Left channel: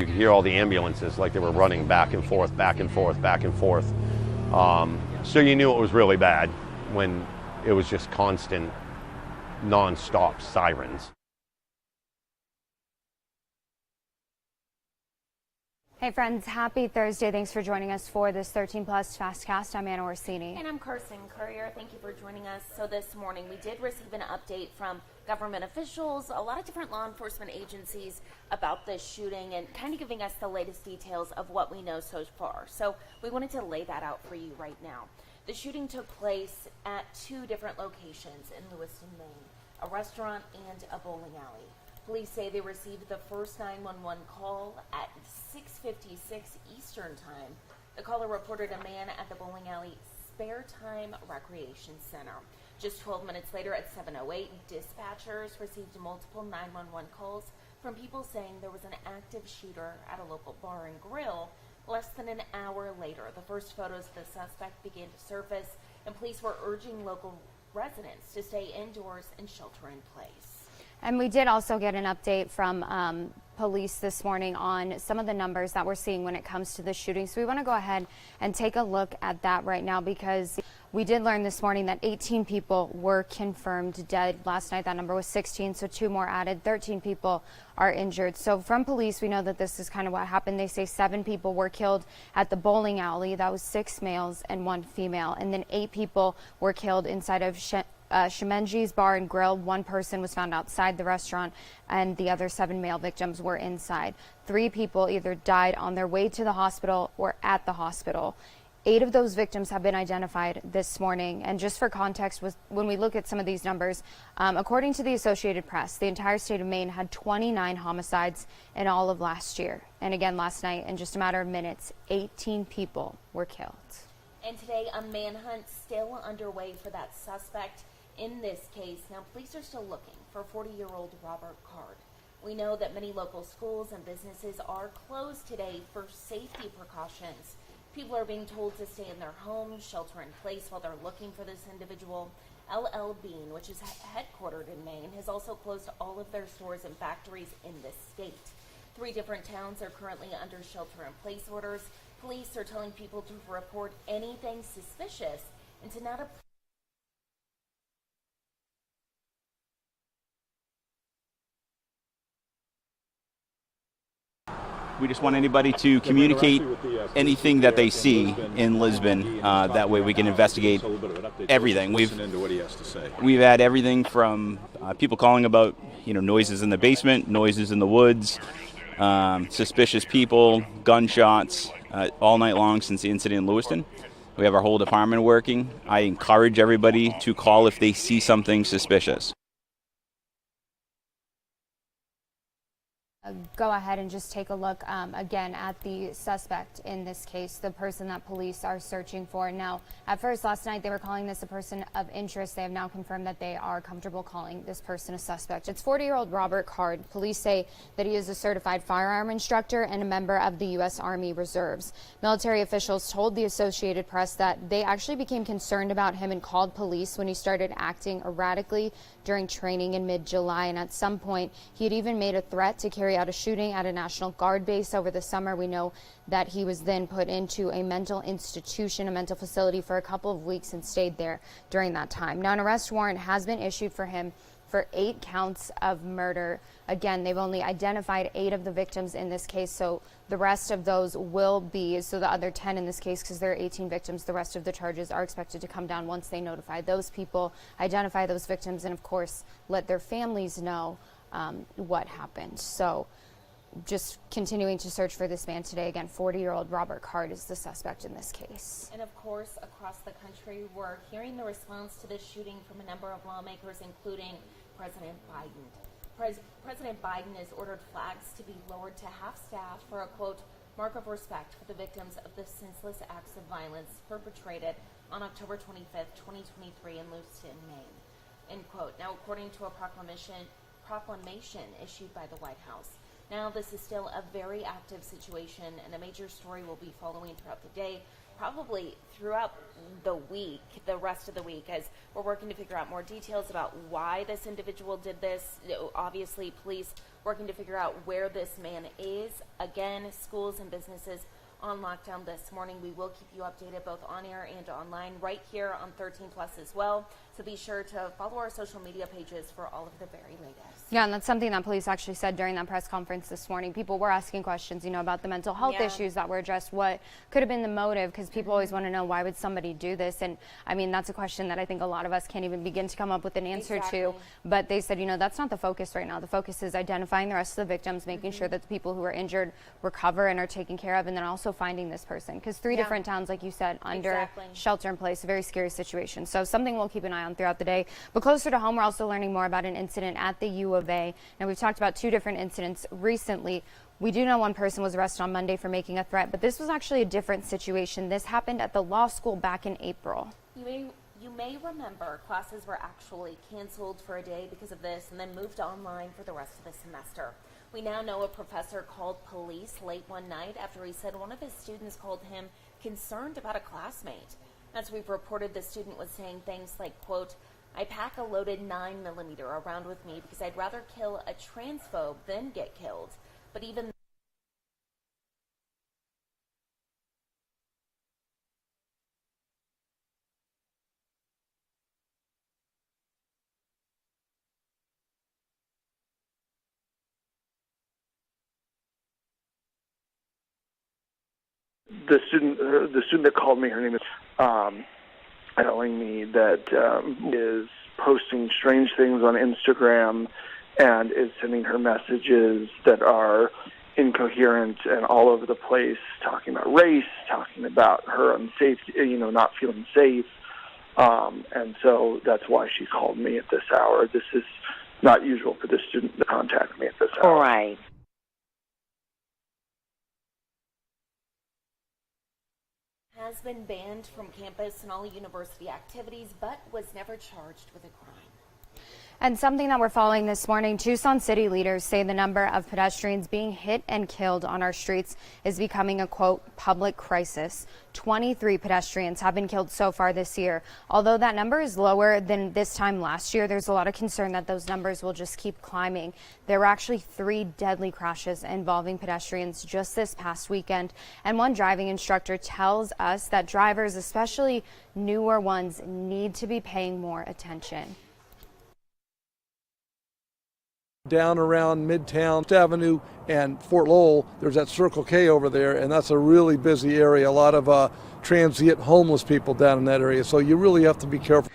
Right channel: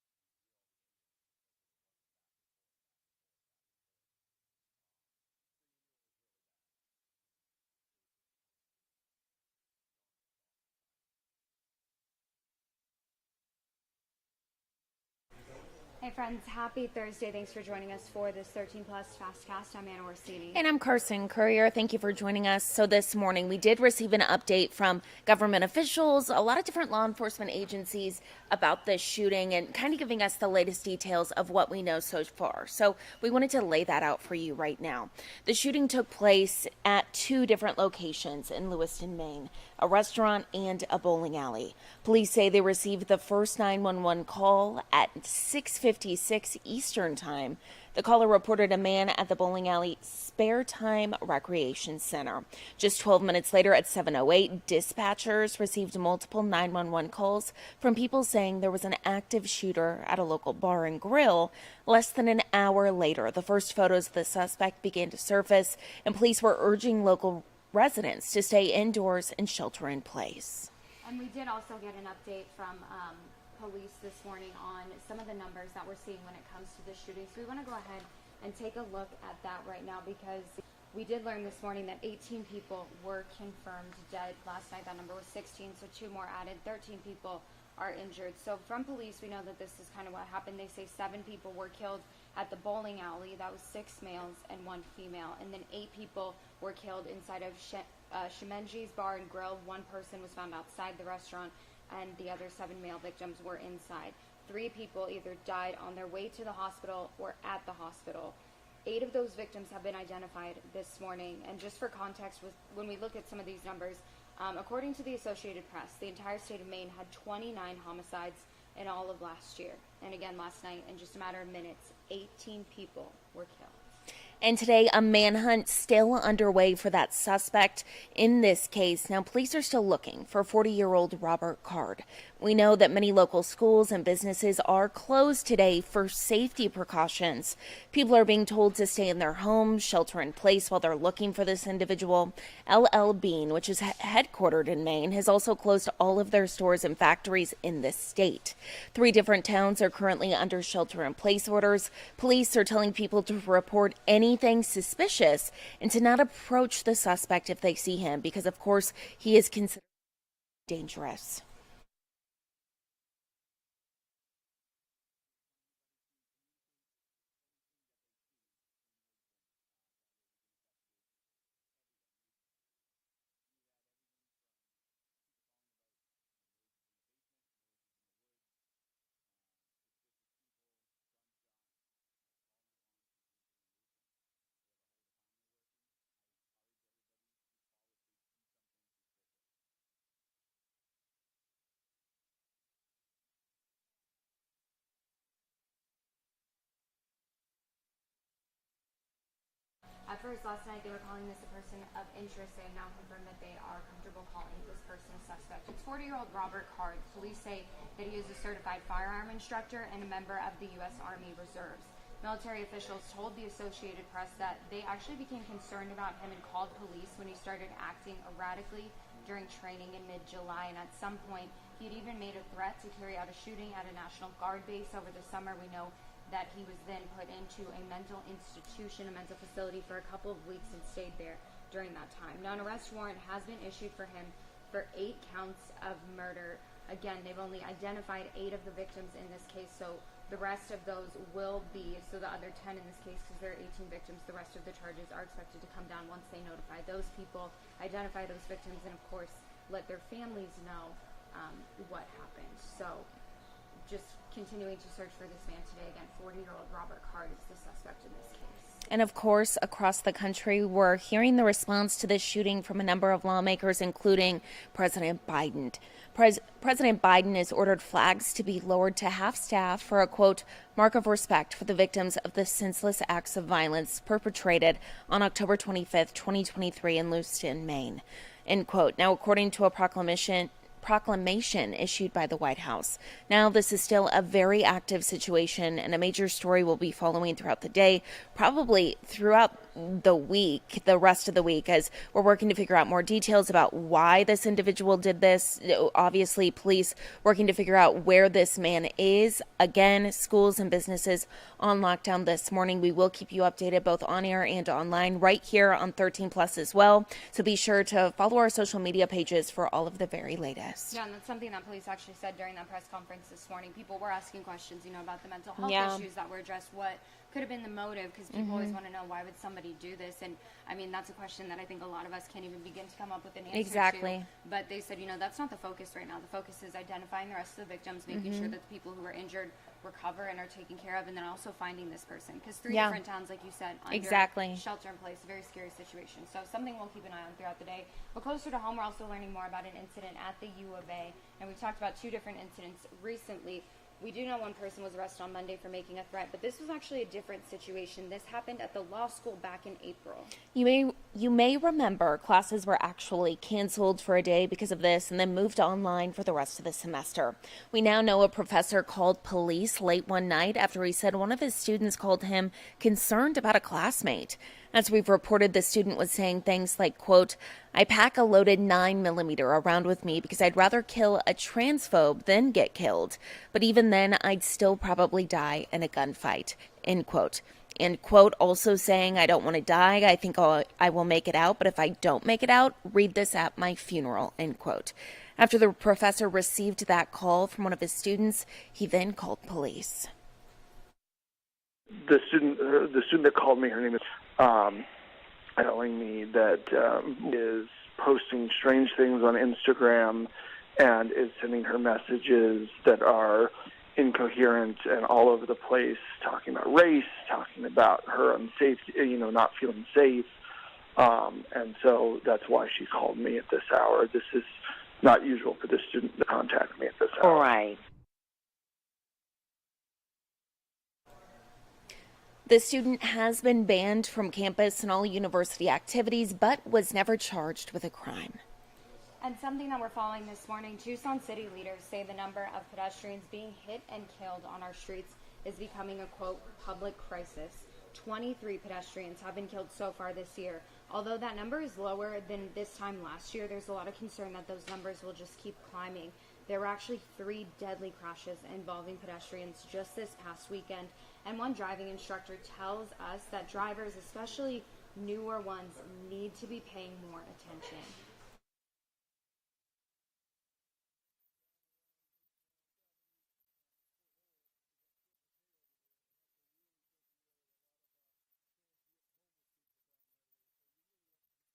you could hear all the ambulances like they were running back and forth, back and forth, back and forth. So you knew it was really bad when it was just constant, non-stop sirens. Hey friends, happy Thursday. Thanks for joining us for this 13 Plus FastCast. I'm Anna Orsini. And I'm Carson Courier. Thank you for joining us. So this morning we did receive an update from government officials, a lot of different law enforcement agencies about this shooting and kind of giving us the latest details of what we know so far. So we wanted to lay that out for you right now. The shooting took place at two different locations in Lewiston, Maine, a restaurant and a bowling alley. Police say they received the first 911 call at 6:56 Eastern Time. The caller reported a man at the bowling alley Spare Time Recreation Center. Just 12 minutes later at 7:08, dispatchers received multiple 911 calls from people saying there was an active shooter at a local bar and grill. Less than an hour later, the first photos of the suspect began to surface, and police were urging local residents to stay indoors and shelter in place. And we did also get an update from police this morning on some of the numbers that we're seeing when it comes to the shooting. So we want to go ahead and take a look at that right now, because we did learn this morning that 18 people were confirmed dead. Last night that number was 16, so 2 more added. 13 people are injured. So from police, we know that this is kind of what happened. They say 7 people were killed at the bowling alley. That was 6 males and 1 female. And then 8 people were killed inside of Shemenji's Bar and Grill. 1 person was found outside the restaurant, and the other 7 male victims were inside. 3 people either died on their way to the hospital or at the hospital. 8 of those victims have been identified this morning. And just for context, when we look at some of these numbers, according to the Associated Press, the entire state of Maine had 29 homicides in all of last year. And again, last night, in just a matter of minutes, 18 people were killed. And today, a manhunt still underway for that suspect in this case. Now, police are still looking for 40-year-old Robert Card. We know that many local schools and businesses are closed today for safety precautions. People are being told to stay in their homes, shelter in place while they're looking for this individual. LL Bean, which is headquartered in Maine, has also closed all of their stores and factories in this state. 3 different towns are currently under shelter in place orders. Police are telling people to report anything suspicious and to not approach the suspect if they see him, because of course he is considered dangerous. We just want anybody to communicate anything that they see in Lisbon. That way we can investigate everything. We've had everything from people calling about noises in the basement, noises in the woods, suspicious people, gunshots, all night long since the incident in Lewiston. We have our whole department working. I encourage everybody to call if they see something suspicious. Go ahead and just take a look again at the suspect in this case, the person that police are searching for. Now, at first last night, they were calling this a person of interest. They have now confirmed that they are comfortable calling this person a suspect. It's 40-year-old Robert Card. Police say that he is a certified firearm instructor and a member of the U.S. Army Reserves. Military officials told the Associated Press that they actually became concerned about him and called police when he started acting erratically during training in mid-July, and at some point he had even made a threat to carry out a shooting at a National Guard base over the summer. We know that he was then put into a mental institution, a mental facility, for a couple of weeks and stayed there during that time. Now, an arrest warrant has been issued for him for 8 counts of murder. Again, they've only identified 8 of the victims in this case, so the rest of those will be, so the other 10 in this case, because there are 18 victims, the rest of the charges are expected to come down once they notify those people, identify those victims, and of course, let their families know what happened. So just continuing to search for this man today. Again, 40-year-old Robert Card is the suspect in this case. And of course, across the country, we're hearing the response to this shooting from a number of lawmakers, including President Biden. President Biden has ordered flags to be lowered to half-staff for a, quote, mark of respect for the victims of the senseless acts of violence perpetrated on October 25th, 2023 in Lewiston, Maine, end quote. Now, according to a proclamation issued by the White House. Now, this is still a very active situation, and a major story will be following throughout the day, probably throughout the rest of the week, as we're working to figure out more details about why this individual did this. Obviously, police working to figure out where this man is. Again, schools and businesses on lockdown this morning. We will keep you updated both on air and online right here on 13 Plus as well. So be sure to follow our social media pages for all of the very latest. Yeah, and that's something that police actually said during that press conference this morning. People were asking questions, about the mental health issues that were addressed. What could have been the motive? Because people always want to know, why would somebody do this? And I mean, that's a question that I think a lot of us can't even begin to come up with an answer to. But they said, that's not the focus right now. The focus is identifying the rest of the victims, making sure that the people who are injured recover and are taken care of, and then also finding this person. Because 3 different towns, like you said, under shelter in place, a very scary situation. So something we'll keep an eye on throughout the day. But closer to home, we're also learning more about an incident at the U of A. Now, we've talked about 2 different incidents recently. We do know one person was arrested on Monday for making a threat, but this was actually a different situation. This happened at the law school back in April. You may remember classes were actually canceled for a day because of this and then moved online for the rest of the semester. We now know a professor called police late one night after he said one of his students called him concerned about a classmate. As we've reported, the student was saying things like, quote, "I pack a loaded 9mm around with me because I'd rather kill a transphobe than get killed. But even then, I'd still probably die in a gunfight," end quote. End quote, also saying, "I don't want to die. I think I will make it out. But if I don't make it out, read this at my funeral," end quote. After the professor received that call from one of his students, he then called police. The student that called me, her name is telling me that is posting strange things on Instagram and is sending her messages that are incoherent and all over the place, talking about race, talking about her unsafety, not feeling safe. And so that's why she called me at this hour. This is not usual for this student to contact me at this hour. All right. The student has been banned from campus and all university activities, but was never charged with a crime. And something that we're following this morning, Tucson city leaders say the number of pedestrians being hit and killed on our streets is becoming a, quote, public crisis. 23 pedestrians have been killed so far this year. Although that number is lower than this time last year, there's a lot of concern that those numbers will just keep climbing. There were actually 3 deadly crashes involving pedestrians just this past weekend. And one driving instructor tells us that drivers, especially newer ones, need to be paying more attention. Down around Midtown Avenue and Fort Lowell, there's that Circle K over there, and that's a really busy area. A lot of transient homeless people down in that area, so you really have to be careful.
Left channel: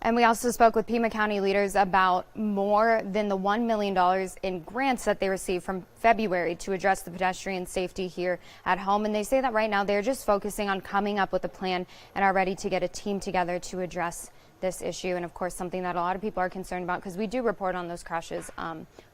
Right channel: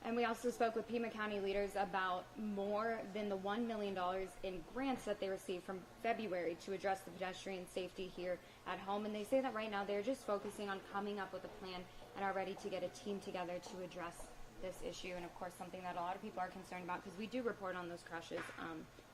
And we also spoke with Pima County leaders about more than the $1 million in grants that they received from February to address the pedestrian safety here at home. And they say that right now they're just focusing on coming up with a plan and are ready to get a team together to address this issue. And of course, something that a lot of people are concerned about, because we do report on those crashes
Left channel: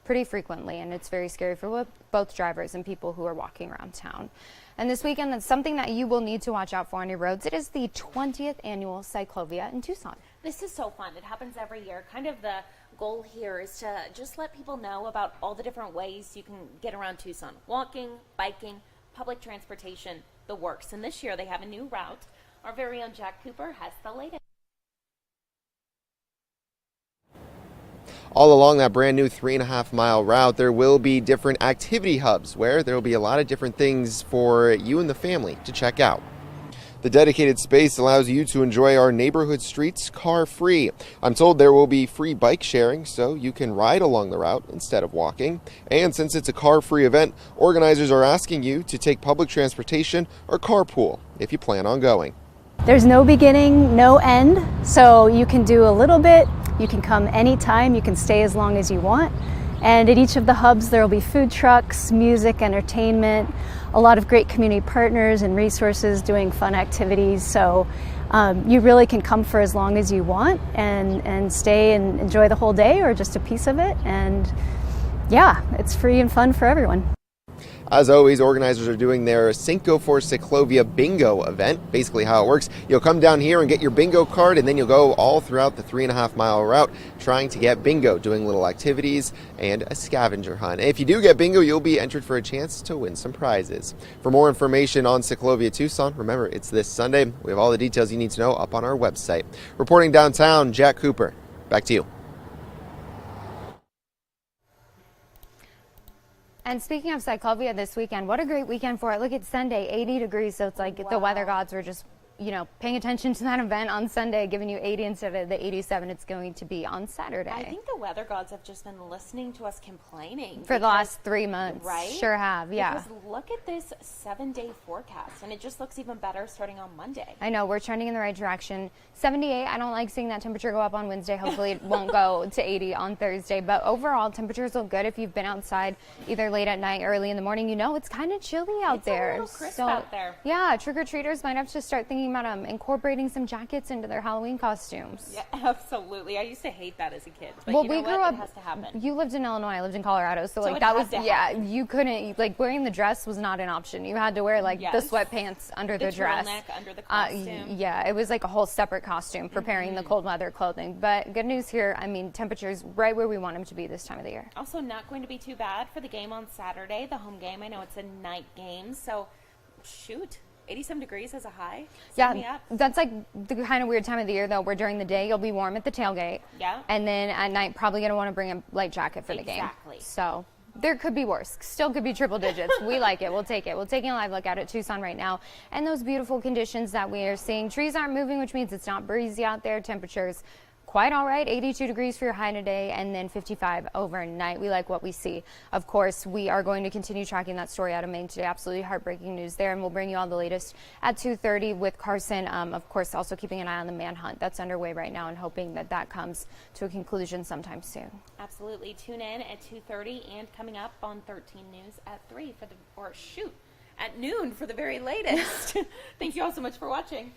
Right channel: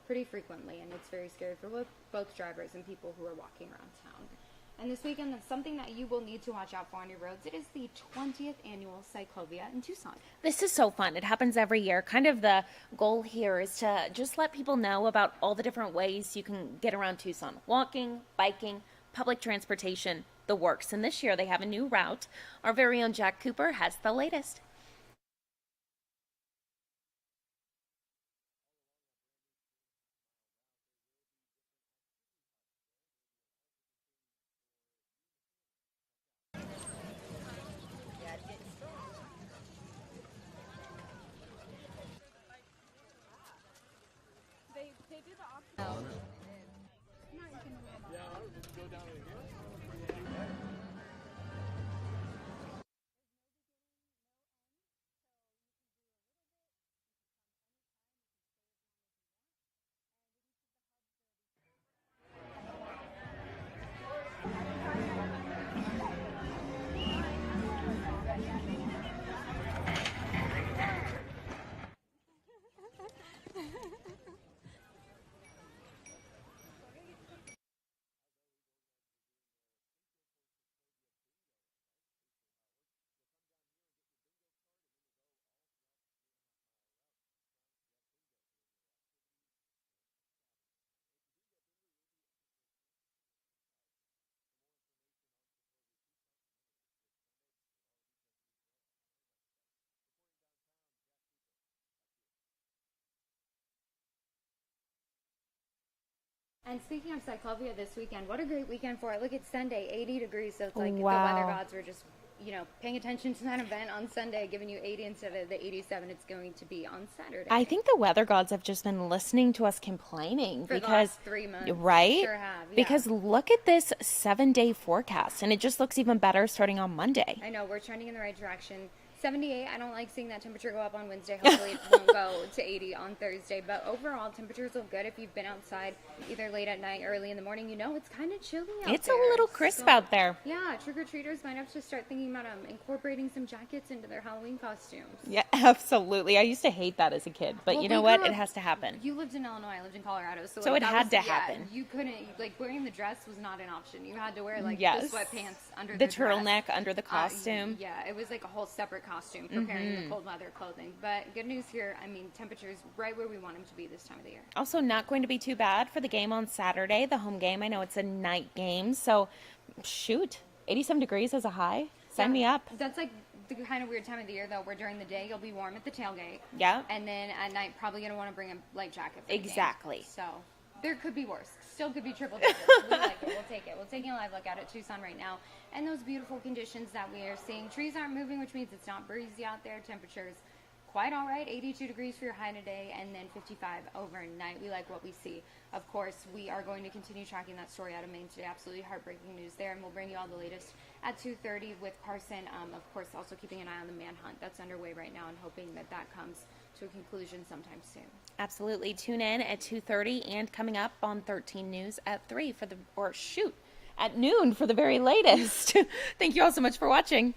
pretty frequently, and it's very scary for both drivers and people who are walking around town. And this weekend, that's something that you will need to watch out for on your roads. It is the 20th annual Cyclovia in Tucson. This is so fun. It happens every year. Kind of the goal here is to just let people know about all the different ways you can get around Tucson. Walking, biking, public transportation, the works. And this year they have a new route. Our very own Jack Cooper has the latest. All along that brand new 3.5-mile route, there will be different activity hubs where there will be a lot of different things for you and the family to check out. The dedicated space allows you to enjoy our neighborhood streets car-free. I'm told there will be free bike sharing, so you can ride along the route instead of walking. And since it's a car-free event, organizers are asking you to take public transportation or carpool if you plan on going. There's no beginning, no end, so you can do a little bit. You can come anytime, you can stay as long as you want. And at each of the hubs there will be food trucks, music, entertainment, a lot of great community partners and resources doing fun activities. So you really can come for as long as you want and stay and enjoy the whole day or just a piece of it. And yeah, it's free and fun for everyone. As always, organizers are doing their Cinco for Ciclovia bingo event. Basically how it works, you'll come down here and get your bingo card, and then you'll go all throughout the 3.5-mile route trying to get bingo, doing little activities and a scavenger hunt. If you do get bingo, you'll be entered for a chance to win some prizes. For more information on Ciclovia Tucson, remember, it's this Sunday. We have all the details you need to know up on our website. Reporting downtown, Jack Cooper. Back to you. And speaking of Cyclovia this weekend, what a great weekend for it. Look, it's Sunday, 80 degrees, so it's like the weather gods were just, paying attention to that event on Sunday, giving you 80 instead of the 87 it's going to be on Saturday. I think the weather gods have just been listening to us complaining. For the last 3 months. Right? Sure have, yeah. Because look at this 7-day forecast, and it just looks even better starting on Monday. I know, we're trending in the right direction. 78, I don't like seeing that temperature go up on Wednesday. Hopefully it won't go to 80 on Thursday. But overall, temperatures look good. If you've been outside either late at night, early in the morning, it's kind of chilly out there. It's a little crisp out there. Yeah, trick-or-treaters might have to start thinking about incorporating some jackets into their Halloween costumes. Yeah, absolutely. I used to hate that as a kid. But you know what? It has to happen. You lived in Illinois. I lived in Colorado. So it had to happen. You couldn't, wearing the dress was not an option. You had to wear, the sweatpants under the dress. The turtleneck under the costume. Yeah, it was like a whole separate costume preparing the cold weather clothing. But good news here, temperatures right where we want them to be this time of the year. Also not going to be too bad for the game on Saturday, the home game. I know it's a night game, so shoot, 87 degrees as a high. Sign me up. That's the kind of weird time of the year, though, where during the day you'll be warm at the tailgate. Yeah. And then at night, probably going to want to bring a light jacket for the game. Exactly. So there could be worse. Still could be triple digits. We like it. We'll take it. We're taking a live look at it, Tucson right now. And those beautiful conditions that we are seeing. Trees aren't moving, which means it's not breezy out there. Temperatures quite all right. 82 degrees for your high today, and then 55 overnight. We like what we see. Of course, we are going to continue tracking that story out of Maine today. Absolutely heartbreaking news there, and we'll bring you all the latest at 2:30 with Carson. Of course, also keeping an eye on the manhunt that's underway right now and hoping that that comes to a conclusion sometime soon. Absolutely. Tune in at 2:30 and coming up on 13 News at 3 at noon for the very latest. Thank you all so much for watching.